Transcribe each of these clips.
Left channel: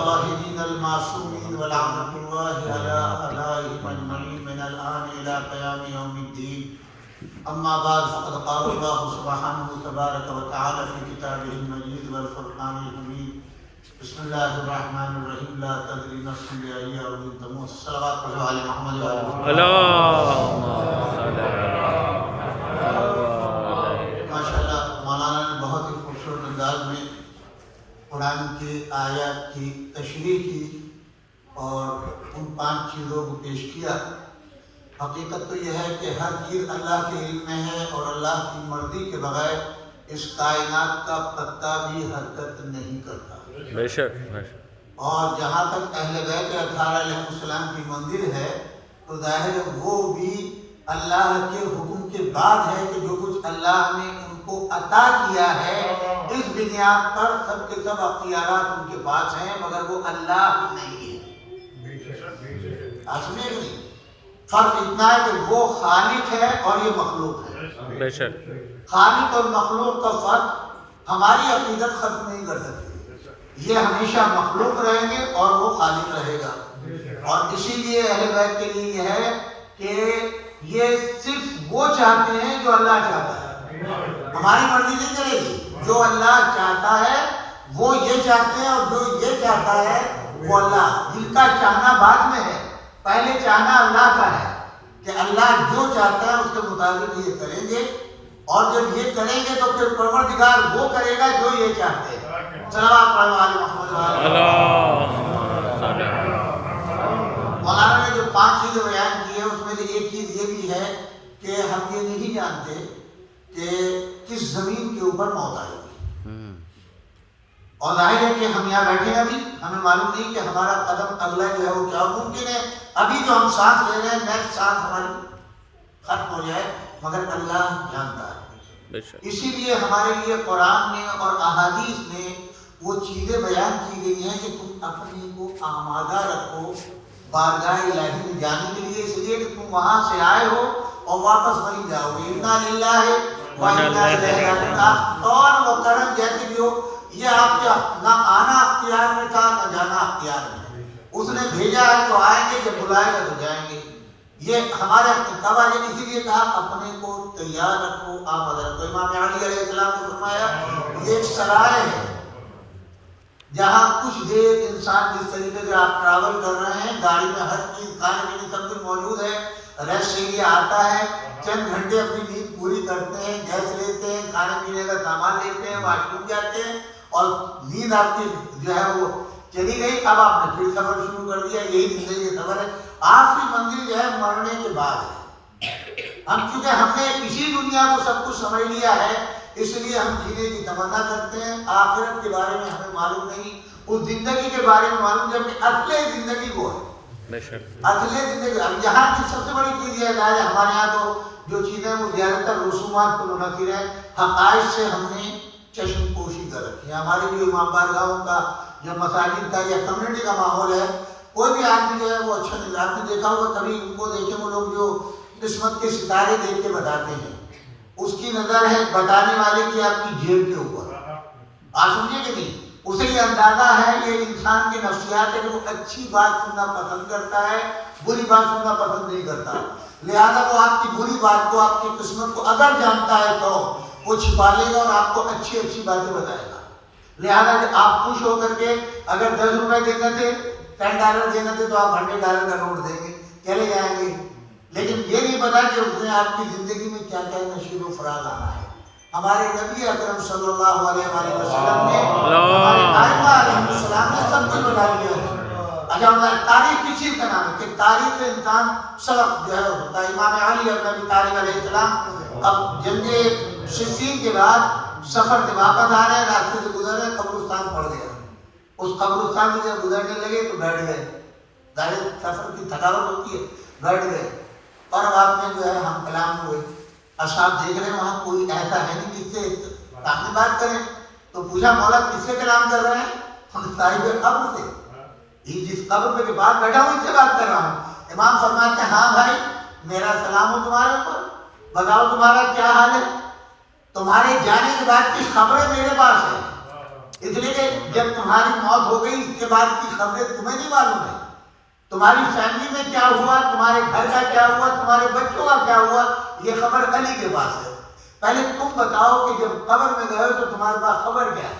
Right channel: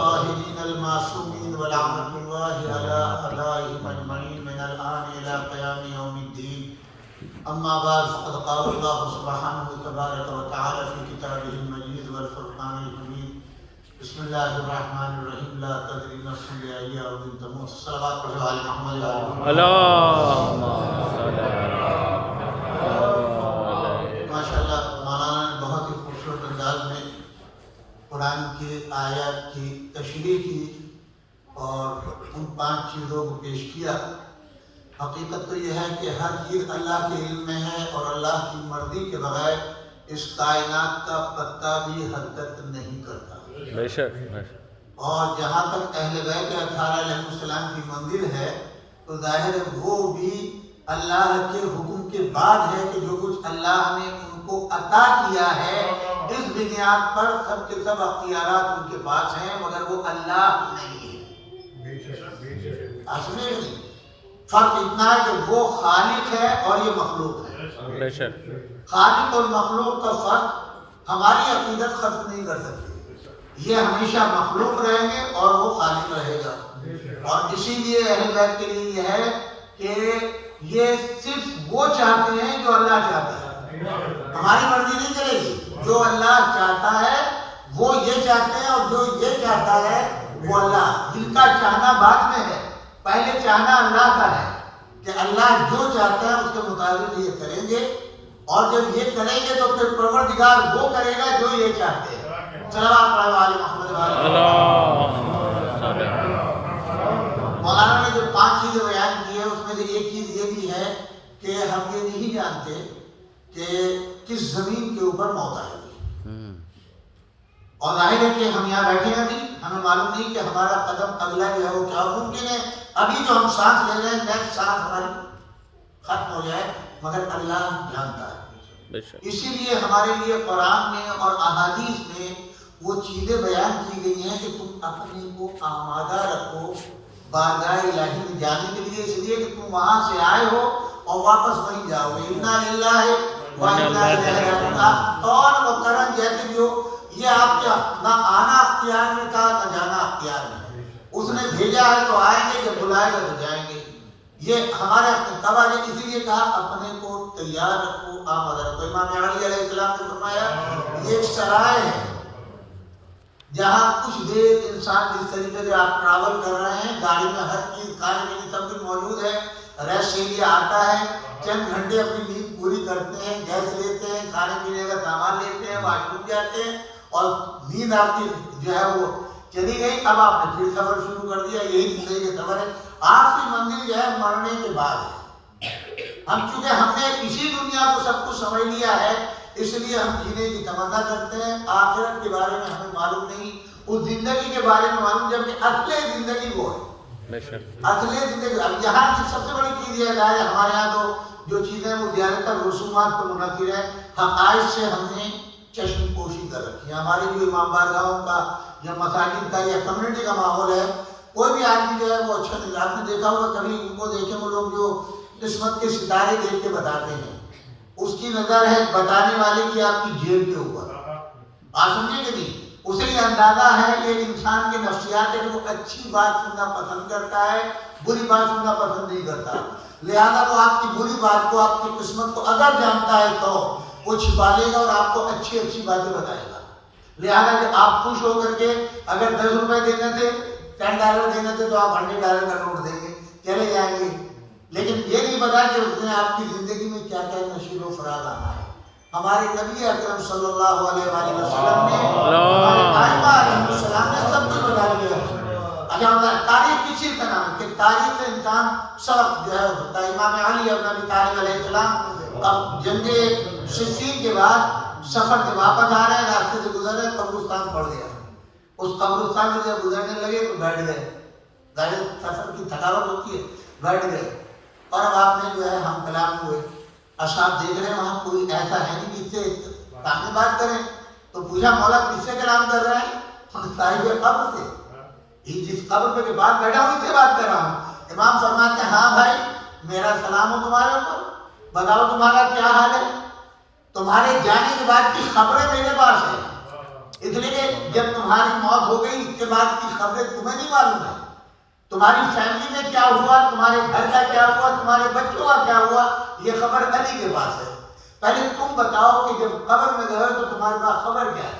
الطاهرين المعصومين ولعنة الله على أعدائهم أجمعين من الآن إلى قيام يوم الدين. أما بعد فقد قال الله سبحانه تبارك وتعالى في كتابه المجيد والفرقان الحميد. بسم الله الرحمن الرحيم. لا تدري نفس بأي أرض تموت. صلوات على محمد وعلى آله. اللهم صل على ماشاءاللہ مولانا نے بہت ہی خوبصورت انداز میں قرآن کی آیات کی تشریح کی اور ان 5 چیزوں کو پیش کیا. حقیقت تو یہ ہے کہ ہر چیز اللہ کے علم میں ہے اور اللہ کی مرضی کے بغیر اس کائنات کا پتہ بھی حرکت نہیں کرتا. بے شک. اور جہاں تک اہل بیت اطہار علیہ السلام کی منزل ہے تو ظاہر وہ بھی اللہ کے حکم کے بعد ہے کہ جو کچھ اللہ نے ان کو عطا کیا ہے اس بنیاد پر سب کے سب اختیارات ان کے پاس ہیں مگر وہ اللہ نہیں ہے. فرق اتنا ہے کہ وہ خالق ہے اور یہ مخلوق ہے. بے شک. خالق اور مخلوق کا فرق ہماری عقیدت ختم نہیں کر سکتی. یہ ہمیشہ مخلوق رہیں گے اور وہ خالق رہے گا. اور اسی لیے اہل بیت کے لیے یہ ہے کہ یہ صرف وہ چاہتے ہیں جو اللہ چاہتا ہے. ہماری مرضی نہیں کرے گی. جو اللہ چاہتا ہے وہ یہ چاہتے ہیں اور جو یہ چاہتا ہے وہ اللہ. جن کا چاہنا بعد میں ہے، پہلے چاہنا اللہ کا ہے کہ اللہ جو چاہتا ہے اس کے مطابق یہ کریں گے. اور جب یہ کریں گے تو پھر پروردگار وہ کرے گا جو یہ چاہتے ہیں. صلوات علی محمد اللہم صل علی. مولانا نے جو 5 چیزیں بیان کی ہے اس میں سے ایک چیز یہ بھی ہے کہ ہم یہ نہیں جانتے کہ کس زمین کے اوپر موت آئے گی. اور ظاہر ہے کہ ہم یہاں بیٹھے ہیں ابھی ہمیں معلوم نہیں کہ ہمارا قدم اگلا جو ہے وہ کیا. ممکن ہے ابھی جو ہم سانس لے رہے ہیں نیکسٹ سانس ہماری ختم ہو جائے مگر اللہ جانتا ہے. اسی لیے ہمارے لیے قرآن میں اور احادیث میں وہ چیزیں بیان کی گئی ہیں کہ تم اپنے کو آمادہ رکھو بارگاہ الہی میں جانے کے لیے. اس لیے کہ تم وہاں سے آئے ہو اور واپس وہیں جاؤ گے. انا للہ و انا الیہ راجعون. اور مقرر جیسے بھی ہو یہ آپ کا نہ آنا اختیار میں تھا نہ جانا اختیار میں. اس نے بھیجا ہے تو آئیں گے، جب بلائے گا تو جائیں گے. یہ ہمارے تباہ نے اسی لیے کہا اپنے کو تیار رکھو آمادہ رکھو. امام علی علیہ السلام نے فرمایا یہ ایک سرائے ہے جہاں کچھ دیر انسان جس طریقے سے آپ ٹریول کر رہے ہیں گاڑی میں ہر چیز کھانے پینے سب کچھ موجود ہے. ریسٹ کے لیے آتا ہے، چند گھنٹے اپنی نیند پوری کرتے ہیں، گیس لیتے ہیں، کھانے پینے کا سامان لیتے ہیں، واش روم جاتے ہیں اور نیند آپ کی جو ہے وہ چلی گئی. اب آپ نے پھر سفر شروع کر دیا. یہی زندگی کا سفر ہے. آخری منزل جو ہے مرنے کے بعد ہے. ہم چونکہ ہم نے اسی دنیا کو سب کچھ سمجھ لیا ہے اس لیے ہم جینے کی تمنا کرتے ہیں. آخرت کے بارے میں ہمیں معلوم نہیں، اس زندگی کے بارے میں معلوم جبکہ اصل زندگی وہ ہے. اصل زندگی اب یہاں کی سب سے بڑی چیز یہ ہے ہمارے یہاں تو جو چیزیں وہ زیادہ تر رسومات پر منحصر ہے. حقائق سے ہم نے چشم پوشی کر رکھی ہے. ہماری جو امام بارگاہوں کا یا مساجد کا یا کمیونٹی کا ماحول ہے کوئی بھی آدمی جو ہے وہ اچھا نہیں. آپ نے دیکھا ہوگا کبھی ان کو دیکھیں وہ لوگ جو قسمت کے ستارے دیکھ کے بتاتے ہیں اس کی نظر ہے بتانے والے کی آپ کی جیب کے اوپر. آج سنیے کہ نہیں اسے یہ اندازہ ہے کہ انسان کے نفسیات ہے کہ وہ اچھی بات سننا پسند کرتا ہے بری بات سننا پسند نہیں کرتا. لہذا وہ آپ کی بری بات کو آپ کی قسمت کو اگر جانتا ہے تو وہ چھپا لے گا اور آپ کو اچھی اچھی باتیں بتائے گا. لہذا کہ آپ خوش ہو کر کے اگر 10 روپے دینے تھے $10 دینے تھے تو آپ $100 کا نوٹ دیں گے چلے جائیں گے. لیکن یہ نہیں پتا کہ اس نے آپ کی زندگی میں کیا کیا نشیب و فراز آنا ہے. ہمارے نبی اکرم صلی اللہ علیہ وآلہ وسلم نے ہمارے آئمہ علیہ السلام نے سب کچھ بتا دیا ہے. اگر تاریخ کسی کا نام ہے کہ تاریخ سے انسان سبق جو ہے ہوتا ہے. امام علی ابن ابی طالب علیہ السلام اب جنگ صفین کے بعد سفر سے واپس آ رہے ہیں، راستے سے گزر رہے ہیں، قبرستان پڑ گیا. اس قبرستان سے جب گزرنے لگے تو بیٹھ گئے. ظاہر سفر کی تھکاوٹ ہوتی ہے، بیٹھ گئے. اور اب آپ نے جو ہے ہم کلام ہوئے اصحاب دیکھ رہے ہیں وہاں کوئی ایسا ہے نہیں جس سے اپنی بات کریں. تو پوچھا مولا کس سے کلام کر رہے ہیں؟ ہم صاحب قبر سے، جس قبر پہ کے بعد بیٹھا ہوں اس سے بات کر رہا ہوں. امام فرماتے ہیں ہاں بھائی میرا سلام ہو تمہارے اوپر، بتاؤ تمہارا کیا حال ہے. تمہارے جانے کے بعد کی خبریں میرے پاس ہیں. اس لیے کہ جب تمہاری موت ہو گئی اس کے بعد کی خبریں تمہیں نہیں معلوم ہے، تمہاری فیملی میں کیا ہوا، تمہارے گھر کا کیا ہوا، تمہارے بچوں کا کیا ہوا، یہ خبر علی کے پاس ہے۔ پہلے تم بتاؤ کہ جب قبر میں گئے تو تمہارے پاس خبر کیا ہے؟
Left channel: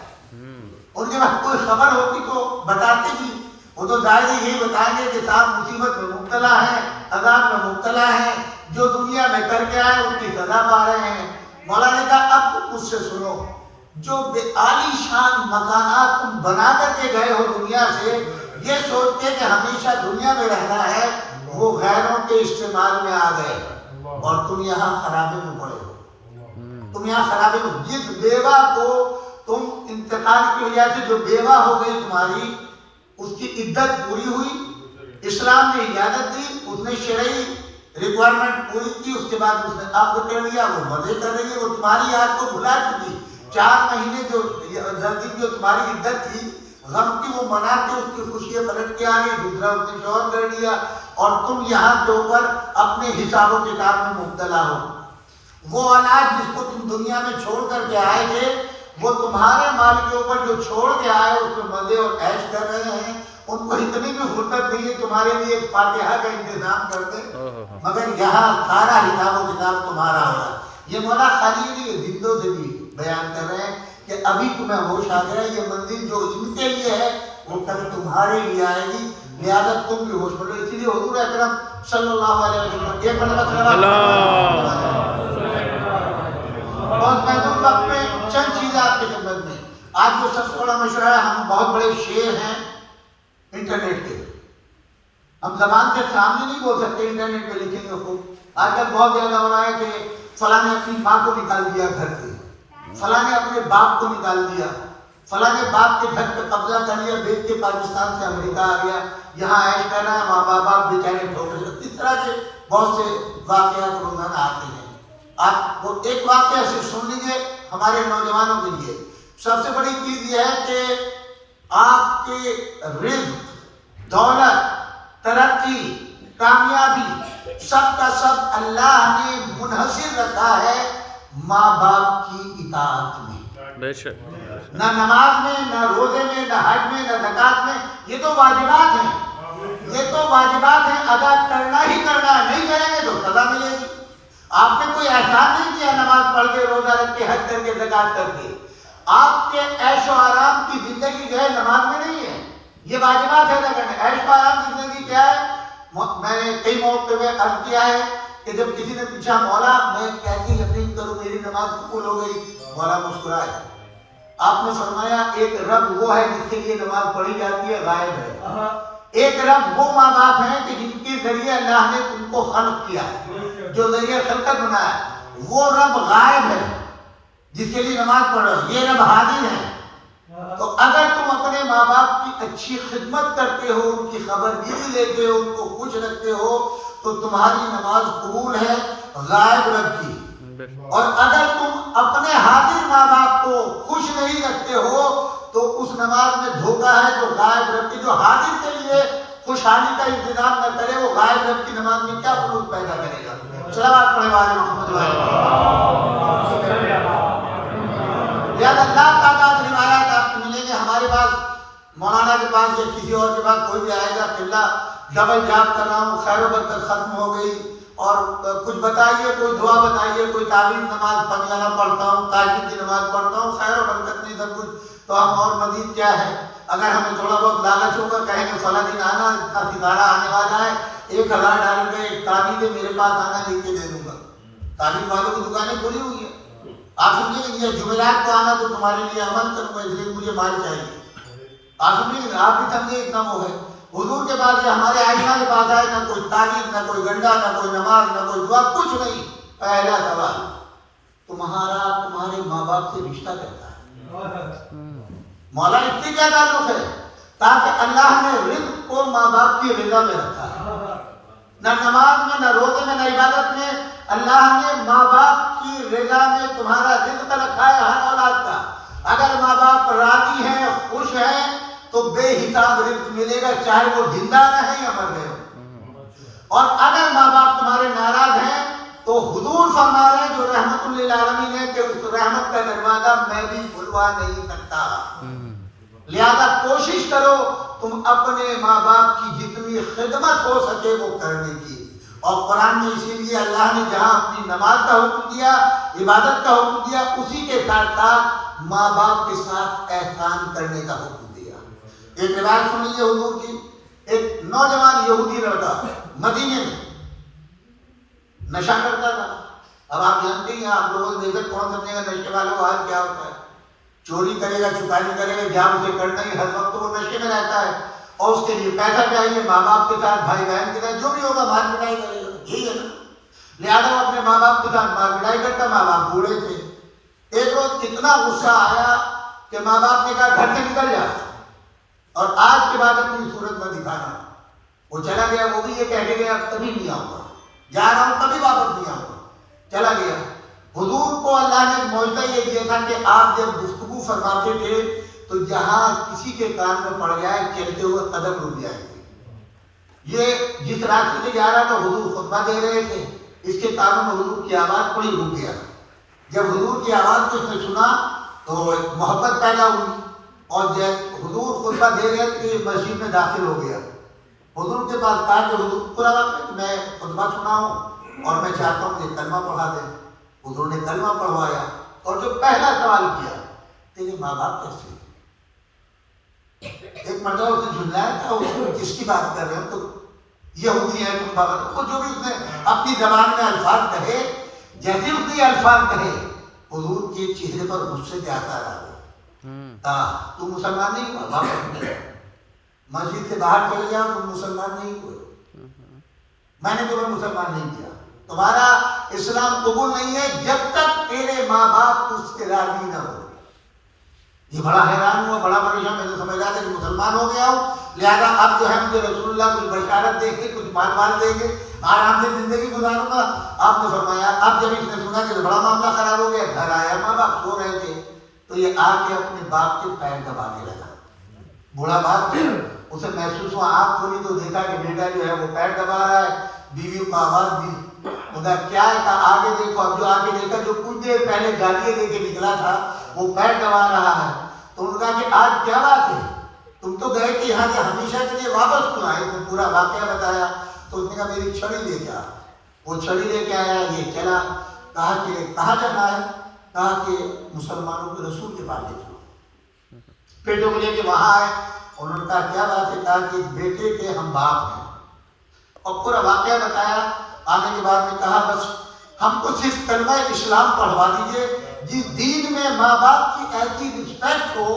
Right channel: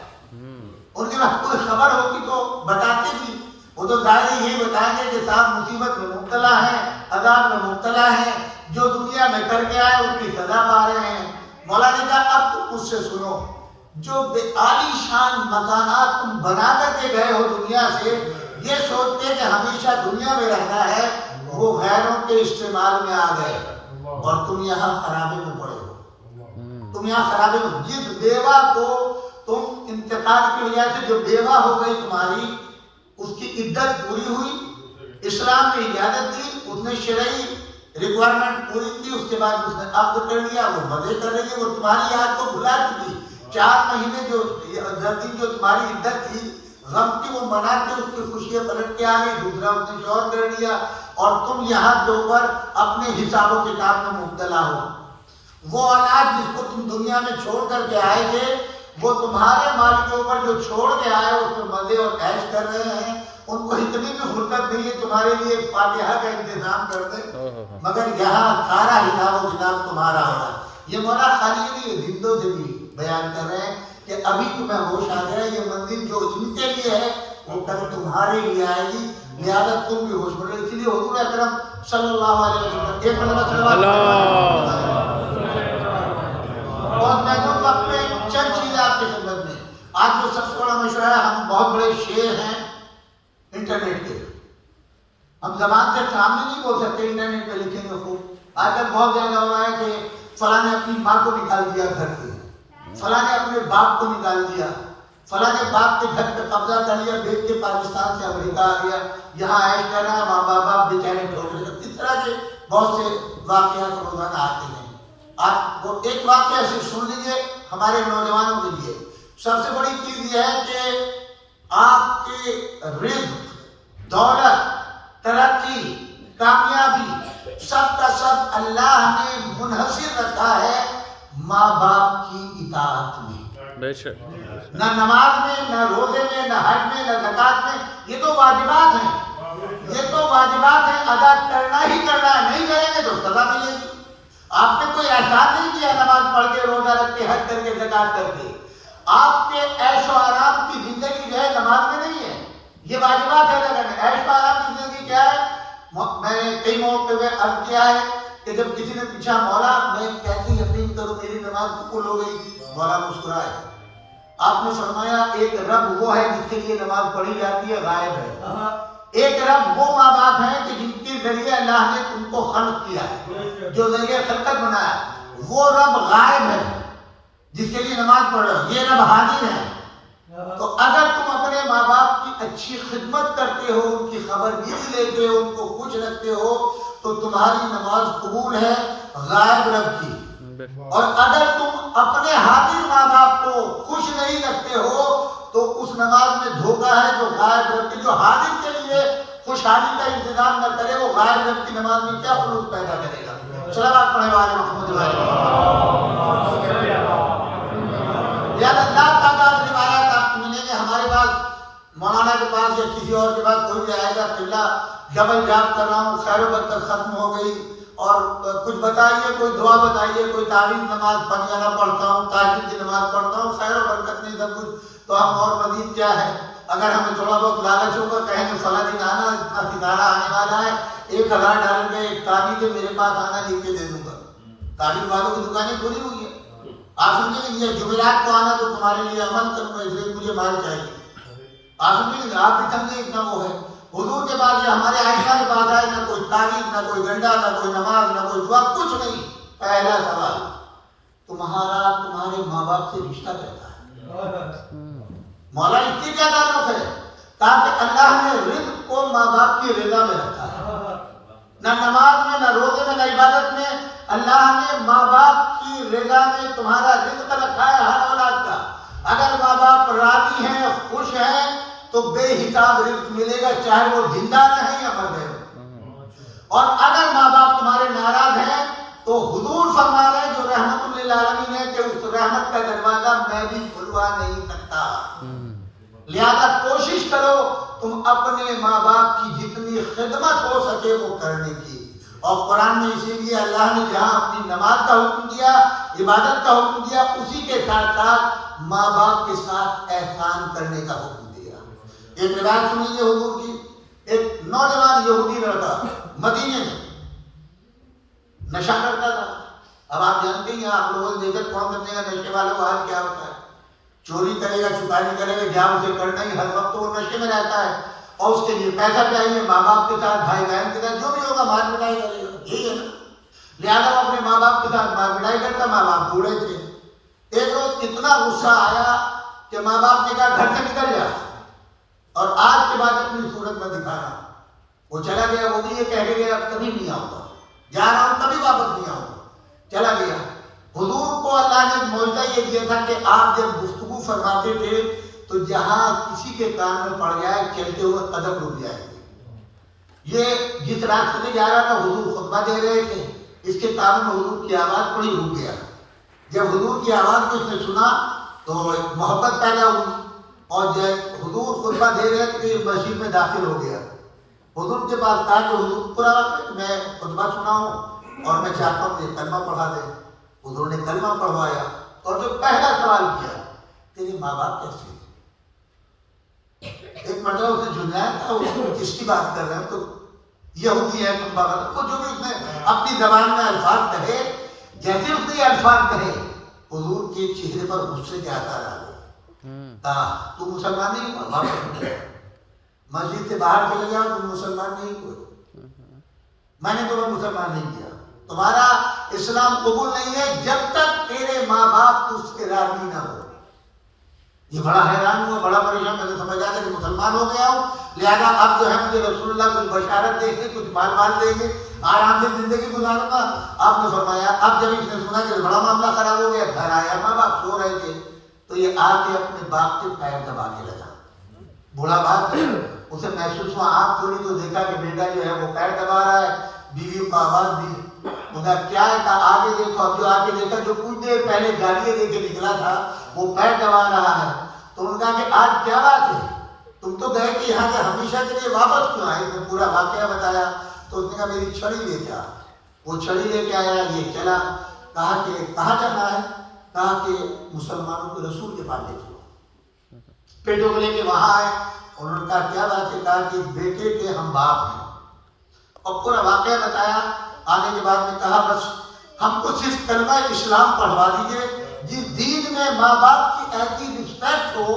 ان کے پاس کوئی خبر ہوتی تو بتاتے بھی، وہ تو ظاہر یہی بتائیں گے کہ صاحب مصیبت میں مبتلا ہیں، عذاب میں مبتلا ہیں، جو دنیا میں کر کے آئے اس کی سزا پا رہے ہیں۔ مولا نے کہا اب تم مجھ سے سنو، جو بے عالی شان مکانات تم بنا کر کے گئے ہو دنیا سے، یہ سوچتے کہ ہمیشہ دنیا میں رہنا ہے، وہ غیروں کے استعمال میں آ گئے اور تم یہاں خرابے میں پڑے ہو۔ تم یہاں خرابے میں، جس بیوہ کو تم انتقال کی وجہ سے جو بیوہ ہو گئی تمہاری، اس کی عدت پوری ہوئی، اسلام نے اجازت دی، اس نے شرعی ریکوائرمنٹ پوری کی، اس کے بعد اس نے عقد کر لیا، وہ مزے کر رہی ہے، وہ تمہاری یاد کو بھلا چکی۔ 4 مہینے جو 10 دن جو تمہاری عدت تھی غم کی، وہ منا کے اس کی خوشیاں پلٹ کے آ گئی، دوسرا اس نے شوہر کر لیا، اور تم یہاں کے اوپر اپنے حساب و کتاب میں مبتلا ہو۔ وہ اولاد جس کو تم دنیا میں چھوڑ کر کے آئے تھے، وہ تمہارے مال کے اوپر جو چھوڑ کے آئے اس میں مزے اور عیش کر رہے ہیں، ان کو اتنی بھی فرصت نہیں ہے تمہارے لیے ایک فاتحہ کا انتظام کر دیں، مگر یہاں سارا حساب و کتاب تمہارا ہوگا۔ یہ مولا خالی نہیں، زندوں سے بھی بیان کر رہے ہیں کہ ابھی تمہیں ہوش آ گیا، یہ منزل جو ان کے لیے ہے وہ کل تمہارے لیے آئے گی، لہذا تم بھی ہوش پڑو۔ اسی لیے حضور اکرم صلی اللہ علیہ وسلم ایک اور میں نے وقت میں چند چیزیں آپ کے خدمت میں، آج جو سب سے بڑا مشورہ ہے، ہم بہت بڑے شیر ہیں انٹرنیٹ کے، ہم زبان سے سامنے نہیں بول سکتے، انٹرنیٹ پہ لکھیں گے خوب۔ آج کل بہت زیادہ ہو رہا ہے کہ فلاں نے اپنی ماں کو نکال دیا گھر سے، فلاں نے اپنے باپ کو نکال دیا، فلاں نے باپ کے گھر پہ قبضہ کر لیا، بیچ کے پاکستان سے امریکہ آ گیا، یہاں عیش کر رہا ہے، ماں باپ بیچارے ٹھوک رہے۔ اس طرح کے بہت سے واقعات روزانہ آتے ہیں۔ آپ وہ ایک واقعہ سے سن لیجیے ہمارے نوجوانوں کے لیے۔ سب سے بڑی چیز یہ ہے کہ آپ کے رزق، دولت، ترقی، کامیابی سب کا سب اللہ نے منحصر رکھا ہے ماں باپ کی اطاعت میں۔ بے شک، نہ نماز میں، نہ روزے میں، نہ حج میں، نہ زکوٰۃ میں، یہ تو واجبات ہیں، یہ تو واجبات ہیں، ادا کرنا ہی کرنا ہے، نہیں کریں گے تو سزا ملے گی۔ آپ نے کوئی احسان نہیں کیا نماز پڑھ کے، روزہ رکھ کے، حج کر کے، زکوٰۃ کر کے، آپ کے عیش و آرام کی زندگی جو ہے نماز میں نہیں ہے، یہ واجبات ہے نہ کرنا۔ عیش و آرام کی زندگی کیا ہے؟ میں نے کئی موقع میں عرض کیا ہے کہ جب کسی نے پوچھا مولا میں کیسے یقین کروں میری نماز قبول ہو گئی، مولا مسکرائے، آپ نے فرمایا ایک رب وہ ہے جس کے لیے نماز پڑھی جاتی ہے، غائب ہے، ایک رب وہ ماں باپ ہیں کہ جن کے ذریعے اللہ نے ان کو خلق کیا ہے، جو ذریعے خلقت بنایا، وہ رب غائب ہے جس کے لیے نماز پڑھ رہے ہو، یہ رب حاضر ہے۔ تو اگر تم اپنے ماں باپ کی اچھی خدمت کرتے ہو، ان کی خبرگیری لیتے ہو، ان کو خوش رکھتے ہو، تو تمہاری نماز قبول ہے غائب رب کی۔ اور اگر تم اپنے حاضر ماں باپ کو خوش نہیں رکھتے ہو تو اس نماز میں دھوکہ ہے جو غائب رب کی، جو حاضر کے لیے خوشحالی کا انتظام نہ کرے وہ غائب رب کی نماز میں کیا خلوص پیدا کرے گا۔ صلوات پڑھنے والے محمد یا اللہ تعالیٰ روایات آپ کو ملیں گے، ہمارے پاس مولانا کے پاس یا کسی اور کے پاس کوئی بھی آئے گا کہ اللہ ڈبل جاب کر رہا ہوں، خیر و برکت ختم ہو گئی، اور کچھ بتائیے، کوئی دعا بتائیے، کوئی تعویذ نماز پنجانہ پڑھتا ہوں، تہجد کی نماز پڑھتا ہوں، خیر و برکت نہیں سب کچھ، تو ہم اور مزید کیا ہے؟ اگر ہمیں تھوڑا بہت لالچ ہوگا، کہیں گے فلاں دن آنا، اتنا ستارہ آنے والا ہے، 1000 ڈالر میں ایک تعویذ ہے میرے پاس آنا، لکھ کے دے دوں گا۔ تعویذ والوں کی دکانیں کھلی ہوئی ہیں، آپ سمجھیں گے یہ جمعرات کو آنا تو تمہارے لیے عمل کروں گا، اس لیے مجھے مال چاہیے، آپ سمجھیں گے، آپ بھی سمجھے اتنا وہ ہے۔ حضور کے پاس یا ہمارے عائشہ کے پاس آئے، نہ کوئی تعویذ، نہ کوئی گنڈا، نہ کوئی نماز، نہ کوئی دعا، کچھ نہیں۔ پہلا سوال تمہارے ماں باپ سے رشتہ کیسا ہے؟ مولا اس سے کیا تعلق ہے؟ تاکہ اللہ نے رزق کو ماں باپ کی رضا میں رکھا ہے، نہ نماز میں، نہ روزے میں، نہ عبادت میں، اللہ نے ماں باپ کی رضا میں تمہارا رزق رکھا ہے ہر اولاد کا۔ اگر ماں باپ راضی ہیں، خوش ہیں، تو بے حساب رزق ملے گا، چاہے وہ زندہ رہیں یا مر گئے ہو۔ اور اگر ماں باپ تمہارے ناراض ہیں تو حضور فرما رہے ہیں جو رحمت للعالمین ہے کہ اس رحمت کا دروازہ میں بھی کھلوا نہیں سکتا۔ لہذا کوشش کرو تم اپنے ماں باپ کی جتنی خدمت ہو سکے وہ کرنے کی. اور قرآن میں اسی لیے اللہ نے جہاں اپنی نماز کا حکم دیا، عبادت کا حکم دیا، اسی کے ساتھ ساتھ ماں باپ کے ساتھ احسان کرنے کا حکم دیا. ایک روایت سنیے حضور کی، ایک نوجوان یہودی لڑکا مدینے میں نشہ کرتا تھا. اب آپ جانتے ہیں آپ لوگوں نے دیکھا کون سمجھے گا نشے والوں کا حال کیا ہوتا ہے. چوری کرے گا، چکاری کرے گا، جہاں اسے کرنا ہی ہر وقت وہ نشے میں رہتا ہے اور اس کے لیے پیسہ چاہیے. ماں باپ کے ساتھ، بھائی بہن کے ساتھ جو بھی ہوگا مار پٹائی کرے گا، یہی ہے نا. لہٰذا وہ اپنے ماں باپ کے ساتھ مار پٹائی کرتا. ماں باپ بوڑھے تھے. ایک روز اتنا غصہ آیا کہ ماں باپ نے کہا گھر سے نکل جا اور آج کے بعد اپنی صورت میں دکھانا. وہ چلا گیا. وہ بھی یہ کہہ کے گیا اب کبھی نہیں آؤں گا، جا رہا ہوں کبھی واپس نہیں آؤں گا. چلا گیا. حضور کو اللہ نے معجزہ یہ دیا تھا کہ آپ جب گفتگو فرماتے تھے تو جہاں کسی کے کان میں پڑ جائے چلتے ہوئے قدم رک جائے گے. یہ جس راستے میں جا رہا تھا حضور خطبہ دے رہے تھے، اس کے کانوں میں حضور کی آواز پڑی، رک گیا. جب حضور کی آواز کو اس نے سنا تو محبت پیدا ہوئی اور جب حضور خطبہ دے رہے تھے مسجد میں داخل ہو گیا. حضور کے پاس کہا کہ حضور پورا وقت میں خطبہ سنا ہوں اور میں چاہتا ہوں کہ کلمہ پڑھا دیں. حضور نے کلمہ پڑھوایا اور جو پہلا سوال کیا تیرے ماں باپ کیسے ہیں؟ ایک مرتبہ اس نے جھنجھایا تھا، اس نے کس کی بات کر رہے ہیں؟ تو یہودی ہے تم بات. وہ جو بھی اس نے اپنی زبان میں الفاظ کہے، جیسے اس نے یہ الفاظ کہے حضور کے چہرے پر غصے کے آثار آ گئے. تو مسلمان نہیں ہوا، واپس مسجد سے باہر چلے گیا، تم مسلمان نہیں ہوئے، میں نے تمہیں مسلمان نہیں کیا، تمہارا اسلام قبول نہیں ہے جب تک تیرے ماں باپ اس کے راضی نہ ہو. یہ بڑا حیران ہوا، بڑا پریشان. میں نے سمجھا تھا کہ مسلمان ہو گیا ہوں، لہذا اب جو ہے مجھے رسول اللہ کچھ بشارت دیں گے، کچھ مال مال دیں گے، آرام سے زندگی گزاروں گا. آپ نے فرمایا اب جب اس نے سنا کہ بڑا معاملہ خراب ہو گیا، گھر آیا، ماں باپ سو رہے تھے تو یہ آ کے اپنے باپ کے پیر دبانے لگا. بوڑھا باپ اسے محسوس ہوا، آنکھ کھولی تو دیکھا کہ بیٹا جو ہے وہ پیر دبا رہا ہے. بیوی کو آواز دی، خدا کیا ہے؟ کہا آگے دیکھو. اب جو آگے دیکھا جو کچھ دیر پہلے گالیاں دے کے نکلا تھا وہ پیر دبا رہا ہے. تو انہوں نے کہا کہ آج کیا بات ہے، تم تو گئے کہ یہاں سے ہمیشہ کے لیے واپس کیوں آئے؟ میں پورا واقعہ بتایا تو اس نے کہا میری چھڑی لے جا. وہ چھڑی لے کے آیا، یہ چلا. کہا کہ کہاں چلا ہے؟ کہا کہ مسلمانوں کے رسول کے پاس لے چلو. پیٹوں کو لے کے وہاں آئے. انہوں نے کہا کیا بات ہے؟ کہا کہ بیٹے کے ہم باپ ہیں اور پورا واقعہ بتایا. آنے کے بعد میں کہا بس ہم کو صرف کلمہ اسلام پڑھوا دیجئے جس دین میں ماں باپ کی ایسی رسپیکٹ ہو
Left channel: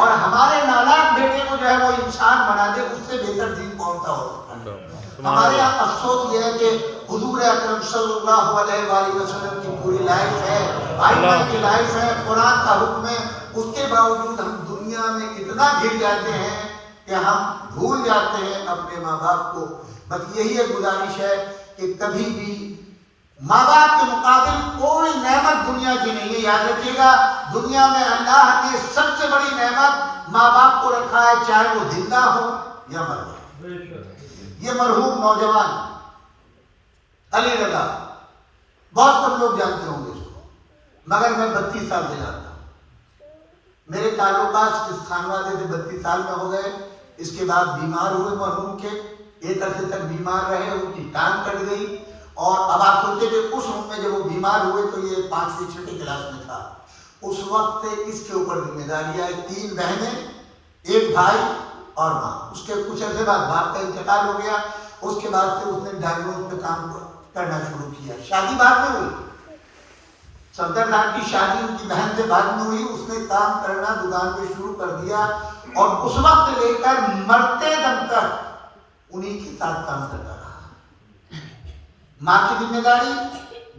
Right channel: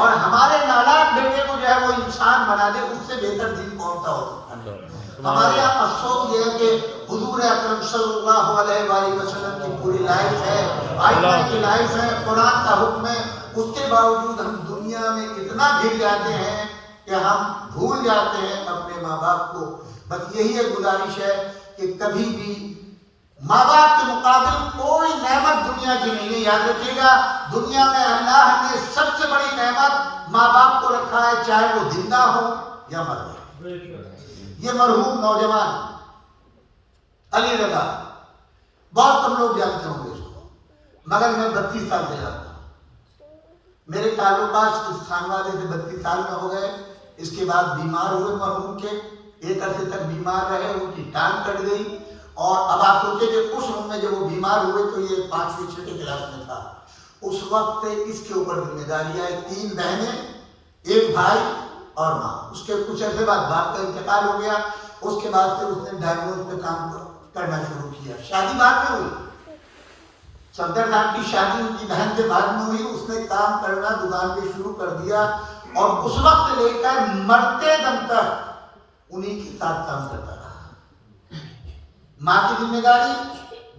اور ہمارے نالائق بیٹے کو جو ہے وہ انسان بنا دے، اس سے بہتر دین کون سا ہو سکتا ہے. ہمارے یہاں افسوس یہ ہے کہ حضور اکرم صلی اللہ علیہ وآلہ وسلم کی پوری لائف ہے، آئمہ کی لائف ہے، قرآن کا حکم ہے، اس کے باوجود ہم دنیا میں اتنا گر جاتے ہیں کہ ہم بھول جاتے ہیں اپنے ماں باپ کو. بس یہی ایک گزارش ہے کہ کبھی بھی ماں باپ کے مقابل کوئی نعمت دنیا کی نہیں ہے. یاد رکھیے گا دنیا میں اللہ نے سب سے بڑی نعمت ماں باپ کو رکھا ہے، چاہے وہ زندہ ہو یا مر جائے. یہ مرحوم نوجوان علی رضا بہت کم لوگ جانتے ہوں گے اس کو، مگر میں 32 سال سے جانتا ہوں. میرے تعلقات اس خانوادے سے 32 سال میں ہو گئے. اس کے بعد بیمار ہوئے مرحوم کے، ایک عرصے تک بیمار رہے، ان کی ٹانگ کٹ گئی. اور اب آپ سوچیں کہ اس عمر میں جب وہ بیمار ہوئے تو یہ 5ویں 6ویں کلاس میں تھا. اس وقت سے اس کے اوپر ذمہ داری آئی. 3 بہنیں، 1 بھائی اور ماں. اس کے کچھ عرصے بعد باپ کا انتقال ہو گیا. اس کے بعد سے اس نے ڈائیورس پہ کام کرنا شروع کیا. شادی بعد میں ہوئی، صفدر صاحب کی شادی ان کی بہن سے بعد میں ہوئی. اس نے کام کرنا دکان پہ شروع کر دیا اور اس وقت سے لے کر مرتے دم تک انہی کے ساتھ کام کرتا رہا. ماں کی ذمہ داری،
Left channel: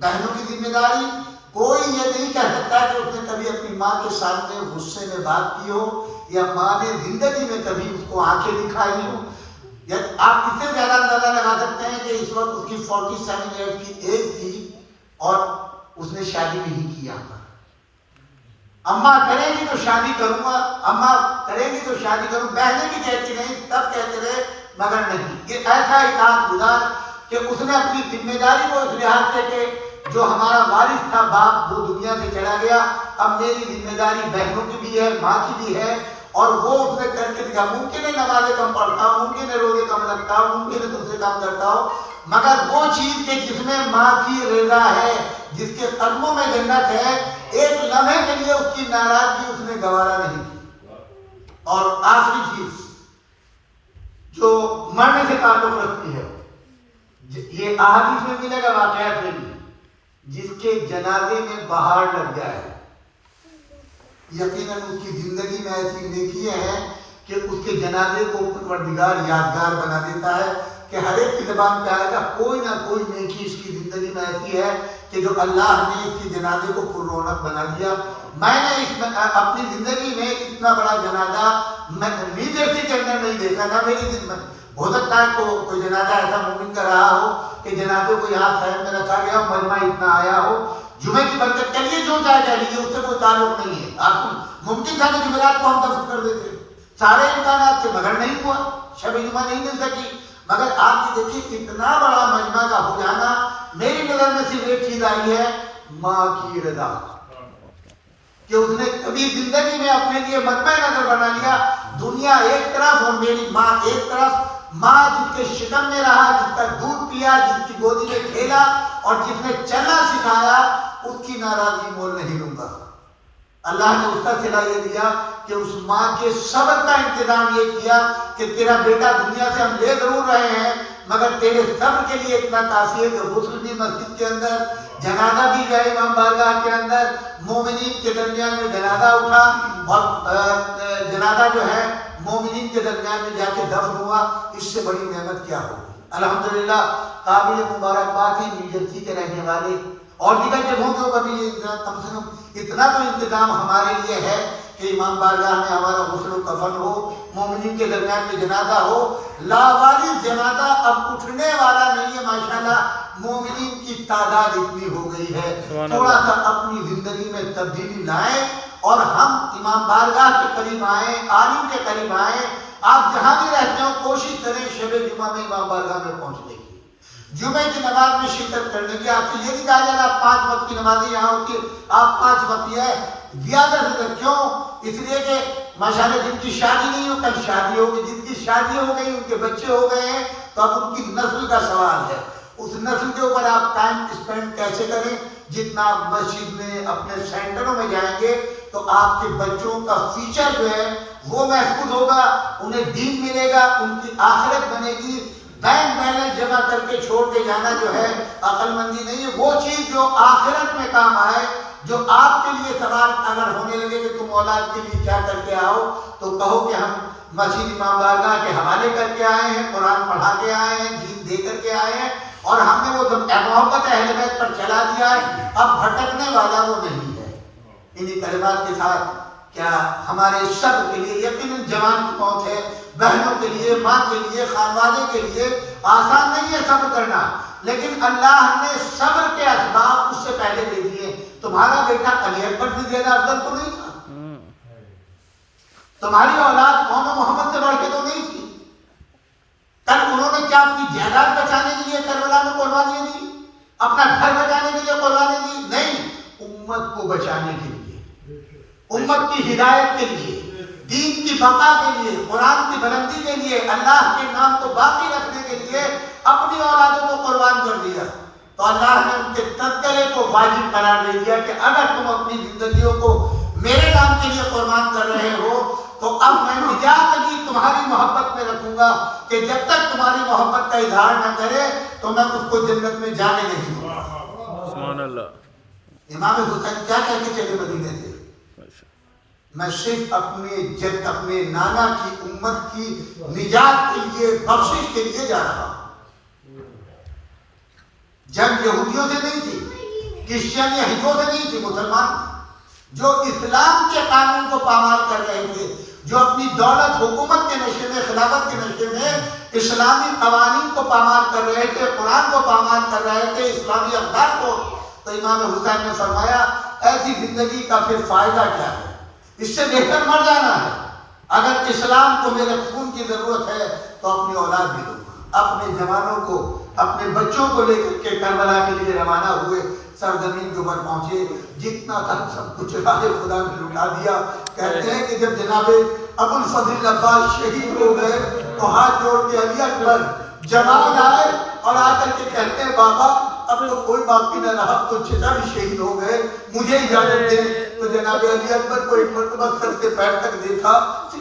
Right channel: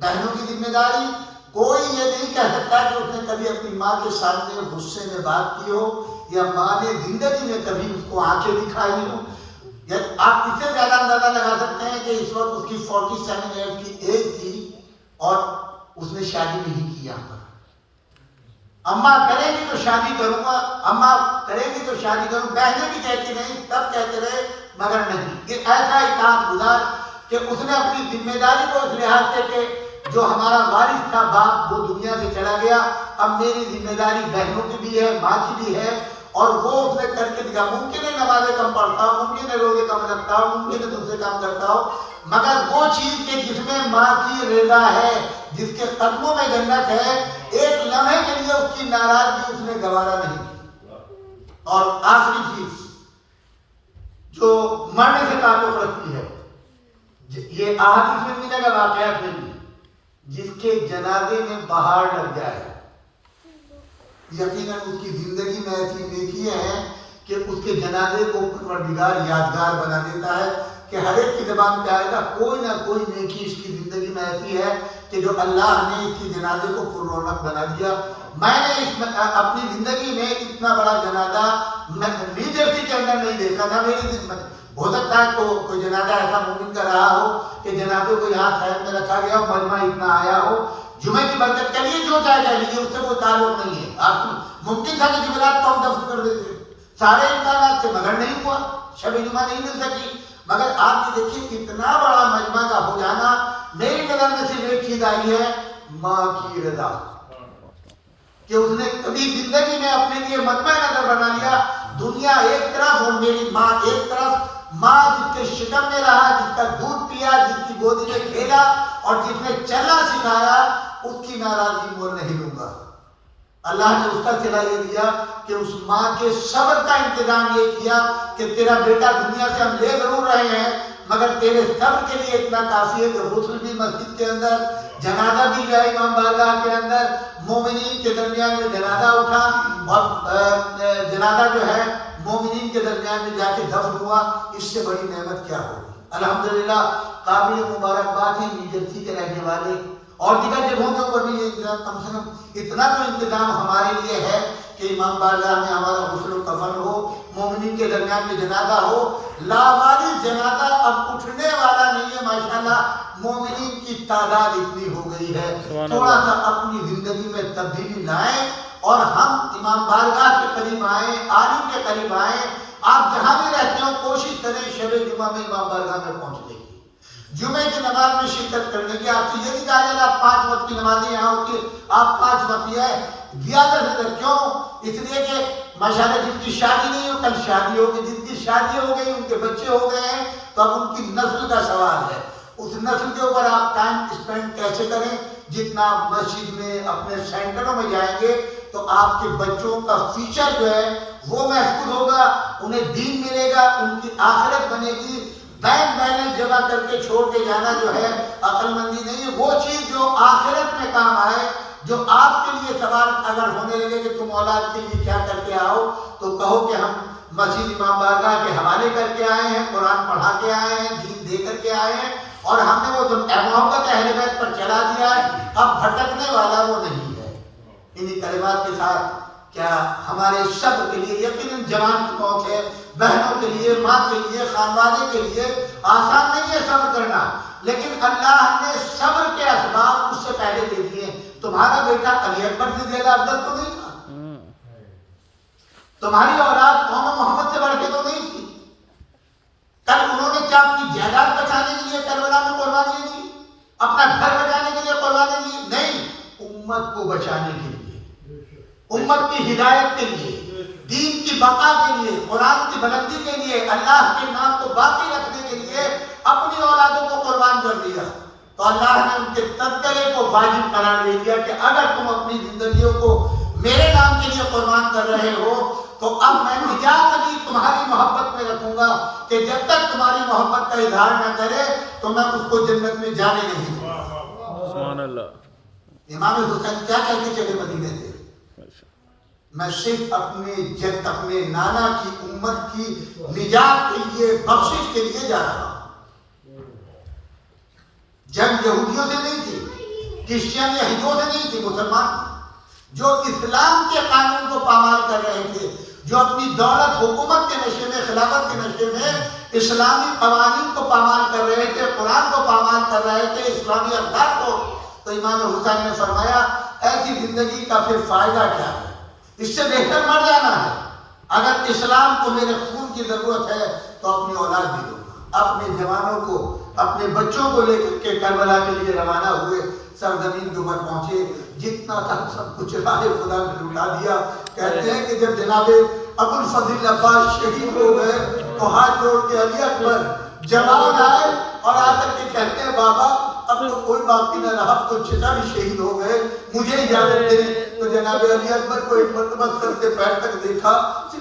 بہنوں کی ذمہ داری. کوئی یہ نہیں کہہ سکتا کہ اس نے کبھی اپنی ماں کے سامنے غصے میں بات کی ہو یا ماں نے زندگی میں کبھی اس کو آنکھیں دکھائی ہو. آپ اس سے زیادہ اندازہ لگا سکتے ہیں کہ اس وقت اس کی 47 ایئر کی ایج تھی اور اس نے شادی نہیں کیا. اماں کریں گی تو شادی کروں گا، اماں کریں گی تو شادی کروں. بہنیں بھی کہتی نہیں، سب کہتے رہے مگر نہیں. یہ ایسا اطاعت گزار کہ اس نے اپنی ذمہ داری کو اس لحاظ سے کہ جو ہمارا وارث تھا باپ وہ دنیا سے چلا گیا، اب میری ذمہ داری بہنوں کی بھی ہے، ماں کی بھی ہے اور وہ اس نے کر کے دکھا. ممکن ہے نمازیں کم پڑھتا ہو, ممکن ہے روزے کم رکھتا ہو, ممکن ہے دوسرے کام کرتا ہو, مگر وہ چیز کہ جس میں ماں کی رضا ہے, جس کے قدموں میں جنت ہے, ایک لمحے کے لیے اس کی ناراضگی اس نے گوارا نہیں کی. اور آخری چیز جو مرنے سے تعلق رکھتی ہے, یہ احادیث میں ملے گا, واقعات میں بھی, جس کے جنازے میں بہار لگ جائے, یقیناً اس کی زندگی میں ایسی نیکیاں ہیں کہ اس کے جنازے کو پروردگار یادگار بنا دیتا ہے کہ ہر ایک کی زبان پہ آئے گا کوئی نہ کوئی نیکی اس کی زندگی میں ایسی ہے کہ جو اللہ نے اس کے جنازے کو پر رونق بنا دیا. میں نے اپنی زندگی میں اتنا بڑا جنازہ نیو جرسی کے اندر نہیں دیکھا تھا. میری زندگی ہو سکتا ہے تو کوئی جنازہ ایسا مومن کا رہا ہو کہ جنازے کو یہاں خیر میں رکھا گیا ہو, مجمع اتنا آیا ہو, جمعے کی برکت کے لیے جو چاہے کہہ لیجیے, اس سے کوئی تعلق نہیں ہے. آپ ممکن تھا کہ جمعرات کو ہم دفن کر دیتے, سارے امکانات سے, مگر نہیں ہوا, شب جمعہ نہیں مل سکی. مگر آپ یہ دیکھیے اتنا بڑا مجمع کا ہو جانا, میری نظر میں صرف ایک چیز آئی ہے, ماں کی رضا, کہ اس نے کبھی زندگی میں اپنے لیے مجمع نظر بنا لیا. دنیا ایک طرف اور میری ماں ایک طرف. ماں جس کے شکم میں رہا, جس کا دودھ پیا, جس کی گودی میں کھیلا اور جس نے چلنا سکھایا, اس کی ناراضگی مول نہیں لوں گا. اللہ نے اس کا صلہ یہ دیا کہ اس ماں کے صبر کا انتظام یہ کیا کہ تیرا بیٹا دنیا سے ہم لے ضرور رہے ہیں, مگر تیرے صبر کے لیے اتنا کافی ہے کہ غسل بھی مسجد کے اندر, جنازہ بھی گیا امام بارگاہ کے اندر, مومنین کے درمیان میں جنازہ اٹھا, اور جنازہ جو ہے مومنین کے درمیان میں جا کے دفن ہوا. اس سے بڑی نعمت کیا ہوگی. الحمدللہ قابل مبارکباد ہے نیو جرسی کے رہنے والے اور دیگر جگہوں کے اوپر بھی یہ کم سے کم اتنا تو انتظام ہمارے لیے ہے کہ امام بارگاہ میں ہمارا غسل و کفن ہو, مومنین کے درمیان میں جنازہ ہو. لاوارث جنازہ اب اٹھنے والا نہیں ہے. ماشاءاللہ مومنین کی تعداد اتنی ہو گئی ہے, تھوڑا سا اپنی زندگی میں تبدیلی لائیں اور ہم امام بارگاہ کے قریب آئیں, عالم کے قریب آئیں. آپ جہاں بھی رہتے ہو کوشش کریں شب جمعہ میں امام بارگاہ میں پہنچنے کی, جمعے کی نماز میں شرکت کرنے کی. آپ سے یہ نہیں کہا جائے آپ 5 وقت کی نمازیں یہاں ہوتی, آپ 5 وقت ہے زیادہ سے کیوں, اس لیے کہ ماشاءاللہ جن کی شادی نہیں ہو کل شادی ہوگی, جن کی شادی ہو گئی ان کے بچے ہو گئے ہیں, تو اب ان کی نسل کا سوال ہے. اس نسل کے اوپر آپ ٹائم اسپینڈ کیسے کریں. جتنا آپ مسجد میں اپنے سینٹروں میں جائیں گے تو آپ کے بچوں کا فیوچر جو ہے وہ محفوظ ہوگا, انہیں دین ملے گا, ان کی آخرت بنے گی. بینک بیلنس جمع کر کے چھوڑ کے جانا جو ہے عقل مندی نہیں ہے. وہ چیز جو آخرت میں کام آئے, جو آپ کے لیے سوال اگر ہونے لگے کہ تم اولاد کے لیے کیا کر کے آؤ, تو کہو کہ ہم مسجد امام بارگاہ کے حوالے کر کے آئے ہیں, قرآن پڑھا کے آئے ہیں, دین دے کر کے آئے ہیں, اور ہم نے وہ جو محبت اہل بیت پر چلا دیا ہے, اب بھٹکنے والا وہ نہیں ہے. انہی کلمات کے ساتھ کیا ہمارے سب کے لیے یقیناً جوان کی موت ہے, بہنوں کے لیے, ماں کے لیے, خانوادے کے لیے آسان نہیں ہے صبر کرنا, لیکن اللہ نے صبر کے اسباب اس سے پہلے دے دیے. تمہارا بیٹا علی اکبر سے زیادہ افضل تو نہیں تھا, تمہاری اولاد قوم محمد سے بڑھ کے تو نہیں تھی. کل انہوں نے کیا اپنی جائیداد بچانے کے لیے کربلا میں قربانیاں دی, اپنا گھر بچانے کے لیے قربانیاں دی؟ نہیں, امت کو بچانے کے لیے, امت کی ہدایت کے لیے, دین کی بقا کے لیے, قرآن کی بلندی کے لیے, اللہ کے نام کو باقی رکھنے کے لیے اپنی اولادوں کو قربان کر دیا. تو اللہ نے ان کے تذکرے کو واجب قرار دے دیا کہ اگر تم اپنی زندگیوں کو میرے نام کے لیے قربان کر رہے ہو تو اب میں اجازت تمہاری محبت میں رکھوں گا کہ جب تک تمہاری محبت کا اظہار نہ کرے تو میں اس کو جنت میں جانے نہیں دوں گا. سبحان اللہ. امام حسین کیا کہہ کے چلے مدینے سے, میں صرف اپنے نانا کی امت کی نجات کے لیے, بخشش کے لیے جا رہا ہوں. جنگ یہودیوں سے نہیں تھی, کرسچین یہودیوں سے نہیں تھی, مسلمان جو اسلام کے قانون کو پامال کر رہے تھے, جو اپنی دولت حکومت کے نشے میں, خلافت کے نشے میں اسلامی قوانین کو پامال کر رہے تھے, قرآن کو پامال کر رہے تھے, اسلامی اقدار کو. تو امام حسین نے فرمایا ایسی زندگی کا پھر فائدہ کیا ہے, اس سے بہتر مر جانا ہے. اگر اسلام کو میرے خون کی ضرورت ہے تو اپنی اولاد بھی دوں. اپنے جوانوں کو, اپنے بچوں کو لے کر کے کربلا کے لیے روانہ ہوئے. سرزمین کے اوپر پہنچے, جتنا تھا سب کچھ راہ خدا نے لٹا دیا. کہتے ہیں کہ جب جناب ابو الفضل عباس شہید ہو گئے تو ہاتھ جوڑ کے علی اکبر جوان آئے اور آ کر کے کہتے ہیں بابا اب تو کوئی باقی نہ رہا، تو چچا بھی شہید ہو گئے، مجھے اجازت دے۔ تو جناب علی اکبر کو ایک مرتبہ سر سے پیر تک دیکھا،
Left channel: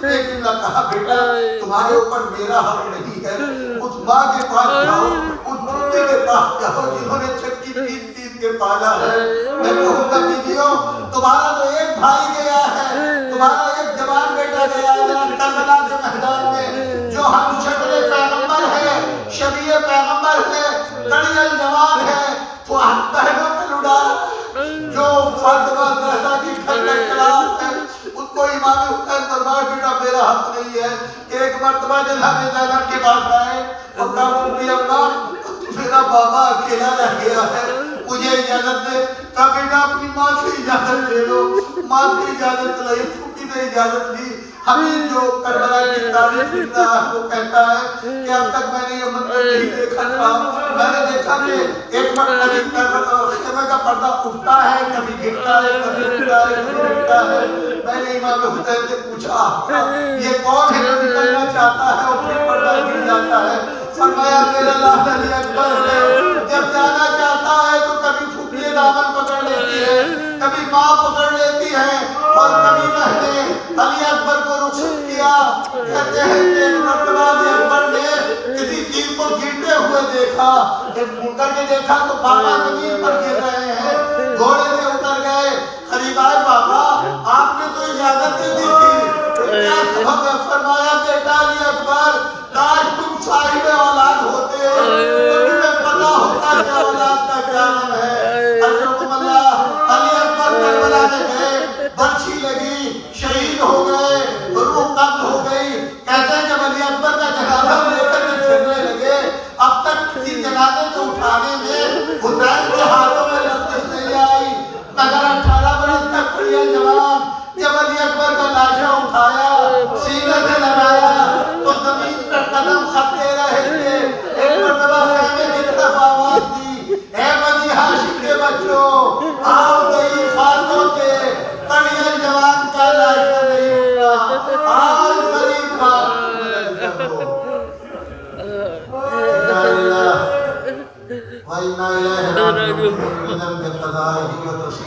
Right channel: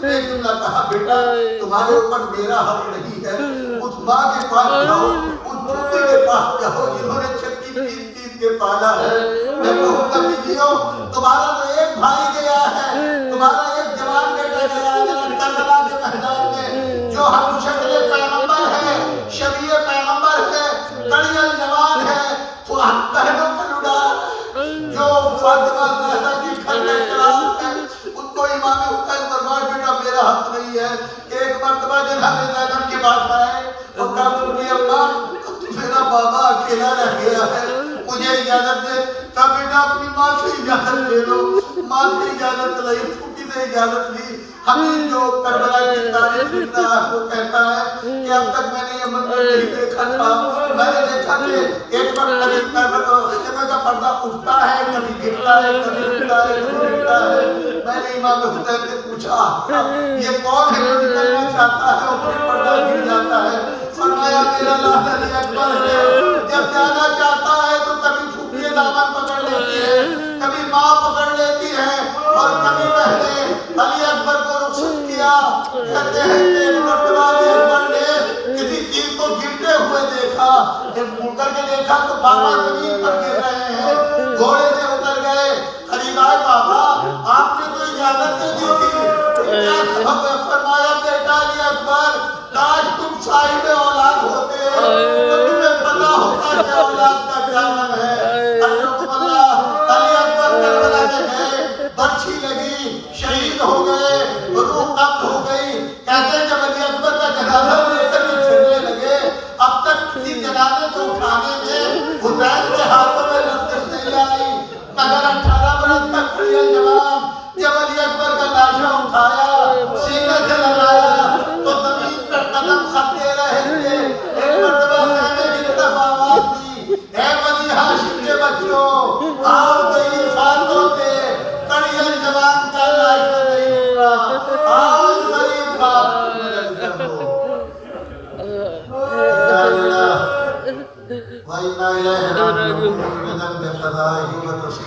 ایک نے کہا بیٹا تمہارے اوپر میرا حق نہیں ہے، اس ماں کے پاس جاؤ، اس بھوٹی کے پاس جاؤ جنہوں نے چکی پیٹ پیٹ کے پالا ہے۔ میں کہوں گا بیویوں تمہارا تو ایک بھائی گیا ہے، تمہارا ایک جوان بیٹا گیا ہے جناب کربلا کے میدان میں، جو ہم شکل پیغمبر ہے، شبیہ پیغمبر ہے، کڑیل جوان ہے، تو ہم پہنوں پہ لڑا جو فاطمہ زہرا کی گھر کا خلاف ہے، ان کو امام حسین دربار بیٹا میرا حق نہیں ہے کہ ایک مرتبہ جناب زینب کے پاس آئے اور کہا کہ اماں میرا بابا اکیلا رہ گیا ہے، مجھے اجازت دے۔ کہا بیٹا اپنی ماں سے اجازت لے لو، ماں سے اجازت لئی، پھوٹی نے اجازت لی۔ حبیب جو کربلا کی تاریخ لکھتا ہے وہ کہتا ہے کہ اب تک میں نے یہ منظر نہیں دیکھا تھا، میں نے دیکھا کہ ایک وقت کبھی کربلا خیمہ کا پردہ اٹھتا ہے، کبھی گرتا ہے، کبھی اٹھتا ہے، کبھی گرتا ہے۔ میں نے امام حسین سے پوچھا یہ کون ہے جو نکلنا چاہتا ہے اور پھر پردہ گر جاتا ہے؟ فرمایا میرا لاڈ علی اکبر ہے، جب جانا چاہتا ہے تو کبھی پھوپھی دامن پکڑ لیتی ہے، کبھی ماں پکڑ لیتی ہے، اور کبھی پہلے علی اکبر کو رخصت کیا۔ کہتے ہیں کہ ایک مرتبہ علی اکبر نے کسی چیز کو گرتے ہوئے دیکھا، جب مڑ کر کے دیکھا تو بابا زمین پر گر رہے ہیں، گھوڑے سے اتر گئے، قریب آئے بابا آپ نے تو اجازت نہیں دی تھی، کیا سبب ہے؟ فرمایا بیٹا علی اکبر کاش تم صاحب اولاد ہوتے تو تمہیں پتا ہوتا کہ اولاد کا کیا نام ہے۔ حضرت اللہ علی اکبر کربلا میں گئے، برچھی لگی، شہید ہو گئے، روح قبض ہو گئی۔ کہتے ہیں جب علی اکبر کا جنازہ لے کر کے پھرنے لگے، اب تک کسی جنازے کو اٹھانے میں حسین کے ہاتھوں میں لرزش نہیں آئی، مگر 18 برس تک کڑیل جوان جب علی اکبر کا لاشا اٹھایا، سینے سے لگایا تو زمین پر قدم خطے رہے تھے۔ ایک مرتبہ خیمے کی طرف آواز دی، اے بنی ہاشم کے بچوں آؤ گئی فاتوں کے کڑیل جوان کا لاشا نہیں اٹھا، آؤ غریب باپ کو مدد کرو۔ اِنَّا لِلَّهِ وَإِنَّا إِلَيْهِ رَاجِعُونَ بِذَنبِ قَضَائِهِ وَتَسْلِيمِهِ